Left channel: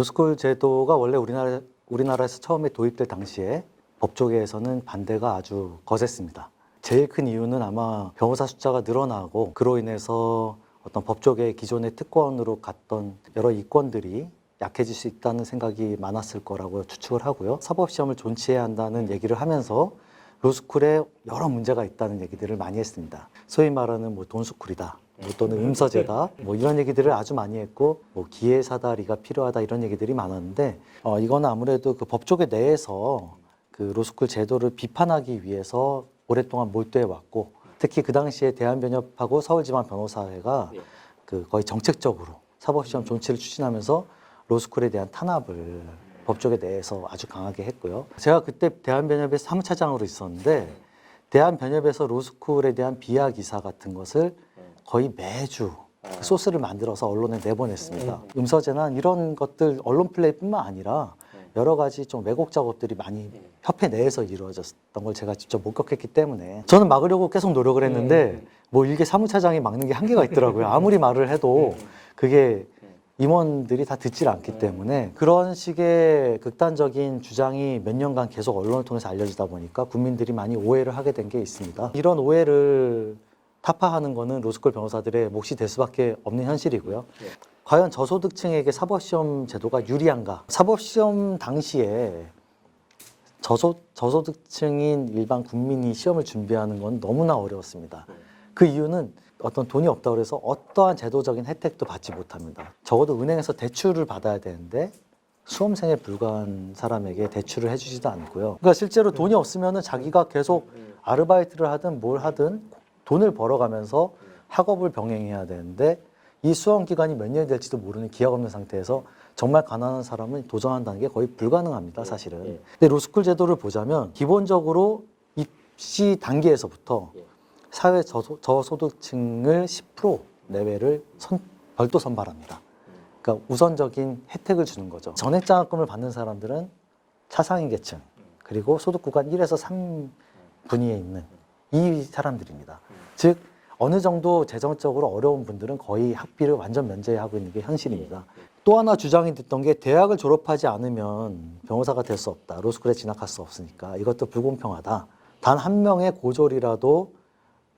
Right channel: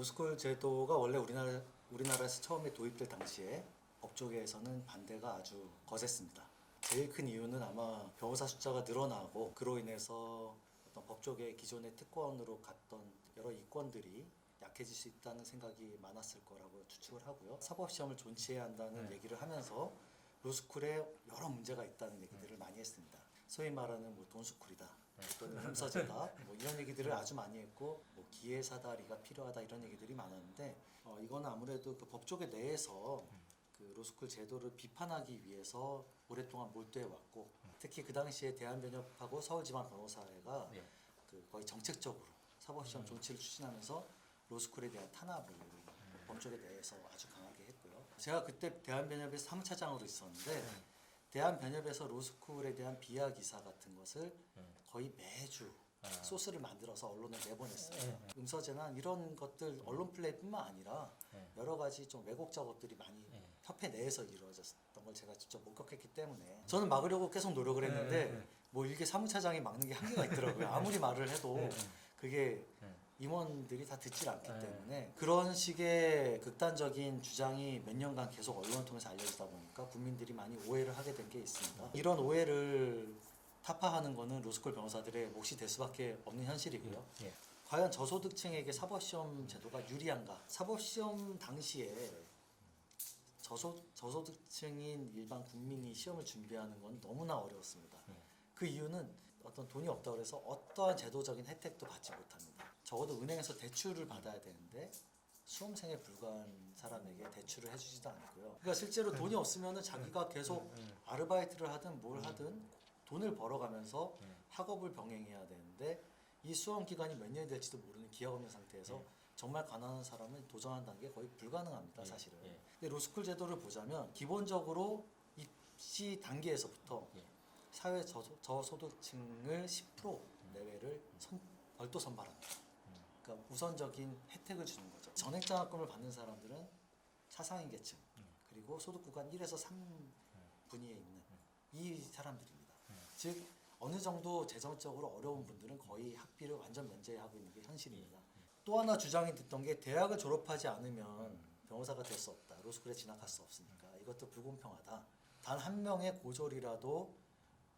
로스쿨 제도가 원래 우리나라에서 처음에 도입될 당시에 법조계에서는 반대가 아주 거셌습니다. 제일 큰 이유는 아마 변호사 숫자가 늘어나고 그로 인해서 어떤 법조계의 기존의 특권으로 갔던 여러 이권들이 약해질 수 있다는 생각이 많았을 거라고 추측을 하고요. 사법시험을 존치해야 한다는 얘기를 하면서 로스쿨에 여러 문제가 있다는 얘기들을 많이 했습니다. 소위 말하는 뭐 돈스쿨이다, 또는 음서제다, 이런 얘기들을 아주 많이 했고, 기회사다리가 필요하다 이런 얘기들이 많았는데, 이거는 아무래도 그 법조계 내에서 그 로스쿨 제도를 비판하기 위해서 오랫동안 몰두해 왔고, 특히 그 당시에 대한변협하고 서울지방변호사회가 그 거의 정책적으로 사법시험 존치를 추진하면서 로스쿨에 대한 탄압을 법조계 내에서 아주 강하게 했고요. 제가 그때 대한변협의 사무차장으로 있었는데 대한변협에서 로스쿨에 대한 비하 기사 같은 것을 거의 매주 소스를 만들어서 언론에 내보냈습니다. 음서재난 이런 것들 언론 플레이뿐만 아니라 여러 가지 좀 왜곡 작업들이 많이 협회 내에서 이루어졌던 걸 제가 직접 목격했기 때문에 저는 막으려고 계속 노력을 했는데 일개 사무차장이 막는 게 한계가 있더라고요. 아무리 말을 해도 그게 임원들이 다 듣질 않기 때문에 그런 식의 극단적인 주장이 몇 년간 계속 언론을 통해서 알려지다 보니까 국민들이 많이 오해를 하게 된 게 있습니다. 이런 오해를 타파하는 거는 로스쿨 변호사들의 몫이 될 수밖에 없는 현실이고요. 과연 저소득층에게 사법시험 제도가 유리한가? 사법시험 당시에 저소득층인 일반 국민이 시험을 준비하는 건 너무나 어려웠습니다. 그 이유는 어떤 돈이 없다고 해서 어떠한 제도적인 혜택도 받지 못합니다. 적어도 은행에서 대출을 받아야 되는데 수험생에 불과한 사람에게 대출을 해주지도 않고요. 그러니까 실제로 돈이 없으면 자기가 계속 아르바이트를 하든 뭘 하든 돈을 벌어가면서 학업을 병행해야 되는데 이 수험 기간이 몇 년이 될지도 모르는 기약 없는 상태에서 정말 가난한 사람은 도전한다는 게 거의 불가능합니다, 사실은. 근데 로스쿨 제도를 보자면 기본적으로 입시 단계에서부터 사회 저소득층을 10% 내외를 별도 선발합니다. 그러니까 우선적인 혜택을 주는 거죠. 전액장학금을 받는 사람들은 차상위 계층, 그리고 소득 구간 1에서 3분위에 있는 이 사람들입니다. 즉 어느 정도 재정적으로 어려운 분들은 거의 학비를 완전 면제하고 있는 게 현실입니다. 또 하나 주장이 됐던 게 대학을 졸업하지 않으면 변호사가 될 수 없다. 로스쿨에 진학할 수 없으니까 이것도 불공평하다. 단 한 명의 고졸이라도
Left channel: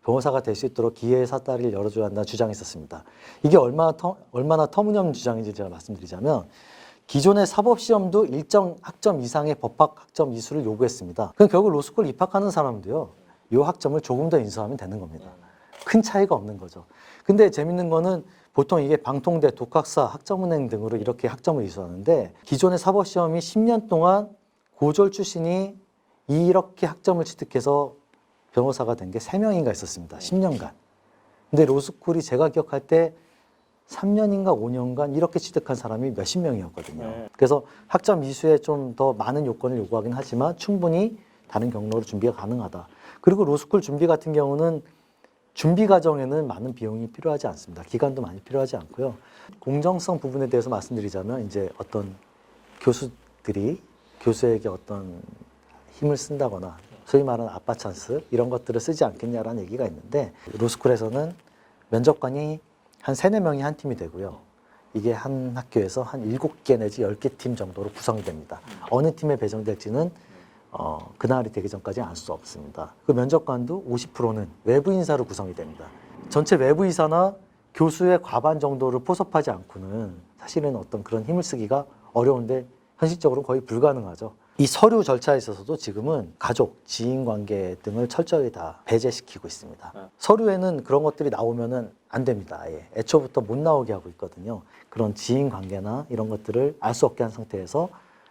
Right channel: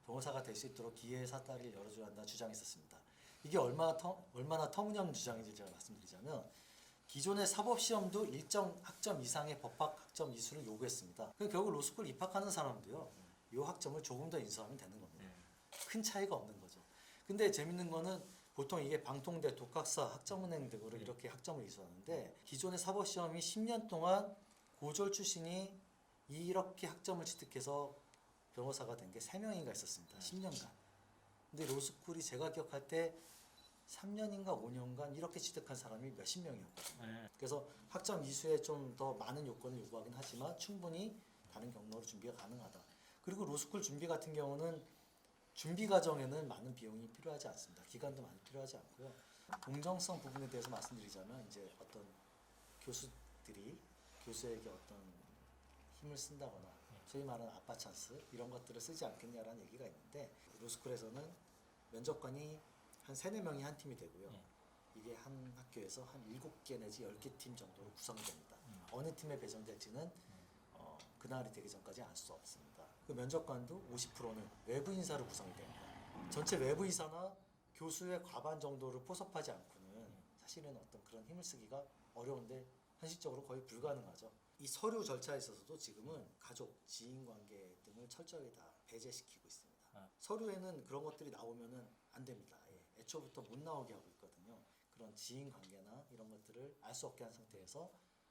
변호사가 될 수 있도록 기회의 사다리를 열어줘야 한다는 주장이 있었습니다. 이게 얼마나 터무니없는 주장인지 제가 말씀드리자면 기존의 사법시험도 일정 학점 이상의 법학 학점 이수를 요구했습니다. 그럼 결국 로스쿨 입학하는 사람도요, 이 학점을 조금 더 인수하면 되는 겁니다. 큰 차이가 없는 거죠. 근데 재밌는 거는 보통 이게 방통대, 독학사, 학점은행 등으로 이렇게 학점을 이수하는데 기존의 사법시험이 10년 동안 고졸 출신이 이렇게 학점을 취득해서 변호사가 된 게 3명인가 있었습니다. 10년간. 근데 로스쿨이 제가 기억할 때 3년인가 5년간 이렇게 취득한 사람이 몇십 명이었거든요. 그래서 학점 이수에 좀 더 많은 요건을 요구하긴 하지만 충분히 다른 경로로 준비가 가능하다. 그리고 로스쿨 준비 같은 경우는 준비 과정에는 많은 비용이 필요하지 않습니다. 기간도 많이 필요하지 않고요. 공정성 부분에 대해서 말씀드리자면 이제 어떤 교수들이 교수에게 어떤 힘을 쓴다거나 소위 말하는 아빠 찬스 이런 것들을 쓰지 않겠냐라는 얘기가 있는데 로스쿨에서는 면접관이 한 3, 4명이 한 팀이 되고요. 이게 한 학교에서 한 7개 내지 10개 팀 정도로 구성이 됩니다. 어느 팀에 배정될지는 그날이 되기 전까지 알 수 없습니다. 그 면접관도 50%는 외부 인사로 구성이 됩니다. 전체 외부 인사나 교수의 과반 정도를 포섭하지 않고는 사실은 어떤 그런 힘을 쓰기가 어려운데 현실적으로 거의 불가능하죠. 이 서류 절차에 있어서도 지금은 가족, 지인 관계 등을 철저히 다 배제시키고 있습니다. 서류에는 그런 것들이 나오면은 안 됩니다. 아예. 애초부터 못 나오게 하고 있거든요. 그런 지인 관계나 이런 것들을 알 수 없게 한 상태에서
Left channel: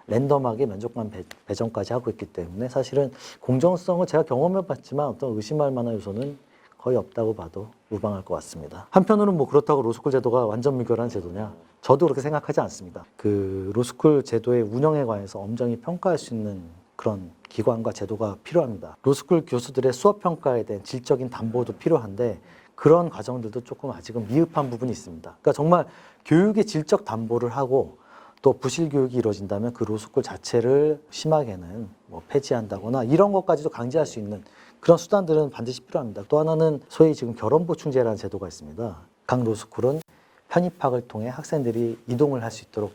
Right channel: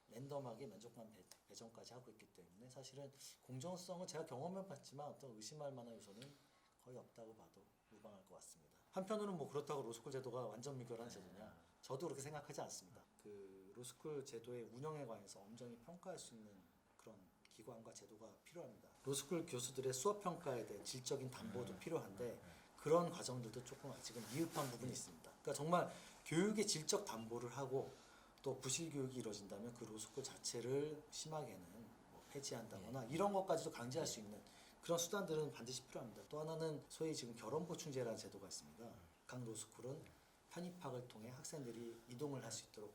랜덤하게 면접관 배정까지 하고 있기 때문에 사실은 공정성을 제가 경험해봤지만 어떤 의심할 만한 요소는 거의 없다고 봐도 무방할 것 같습니다. 한편으로는 그렇다고 로스쿨 제도가 완전 무결한 제도냐? 저도 그렇게 생각하지 않습니다. 그 로스쿨 제도의 운영에 관해서 엄정히 평가할 수 있는 그런 기관과 제도가 필요합니다. 로스쿨 교수들의 수업 평가에 대한 질적인 담보도 필요한데 그런 과정들도 조금 아직은 미흡한 부분이 있습니다. 그러니까 정말 교육의 질적 담보를 하고 또 부실 교육이 이루어진다면 그 로스쿨 자체를 심하게는 폐지한다거나 이런 것까지도 강제할 수 있는 그런 수단들은 반드시 필요합니다. 또 하나는 소위 지금 결혼보충제라는 제도가 있습니다. 각 로스쿨은 편입학을 통해 학생들이 이동을 할 수 있도록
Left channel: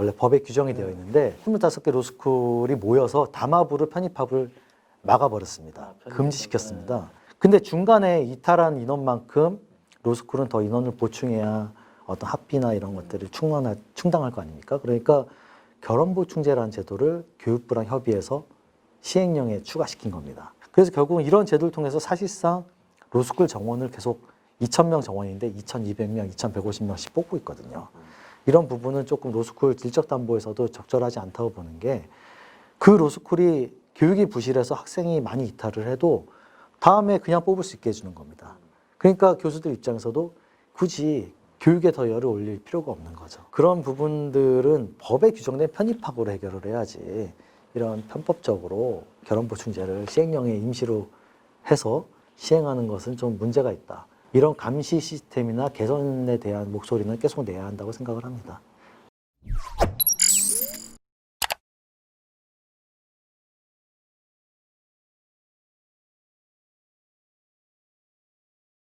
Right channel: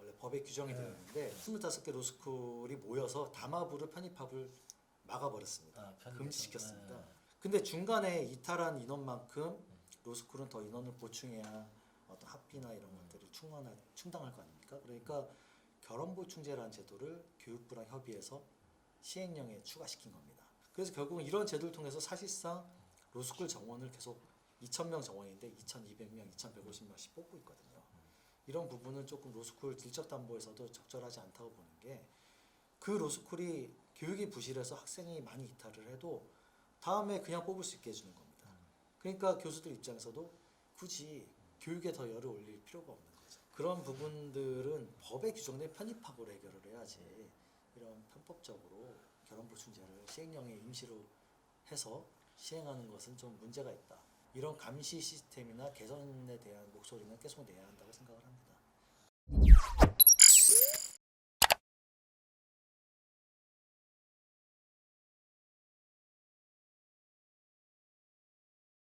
원래 법에 규정이 되어 있는데 25개 로스쿨이 모여서 담합으로 편입학을 막아버렸습니다. 금지시켰습니다. 근데 중간에 이탈한 인원만큼 로스쿨은 더 인원을 보충해야 어떤 학비나 이런 것들을 충당할 거 아닙니까? 그러니까 결혼보충제라는 제도를 교육부랑 협의해서 시행령에 추가시킨 겁니다. 그래서 결국은 이런 제도를 통해서 사실상 로스쿨 정원을 계속 2,000명 정원인데 2,200명, 2,150명씩 뽑고 있거든요. 이런 부분은 조금 로스쿨 질적담보에서도 적절하지 않다고 보는 게 그 로스쿨이 교육이 부실해서 학생이 많이 이탈을 해도 다음에 그냥 뽑을 수 있게 해주는 겁니다. 그러니까 교수들 입장에서도 굳이 교육에 더 열을 올릴 필요가 없는 거죠. 그런 부분들은 법에 규정된 편입학으로 해결을 해야지 이런 편법적으로 결혼보충제를 시행령에 임시로 해서 시행하는 것은 좀 문제가 있다. 이런 감시 시스템이나 개선에 대한 목소리는 계속 내야 한다고 생각을 합니다.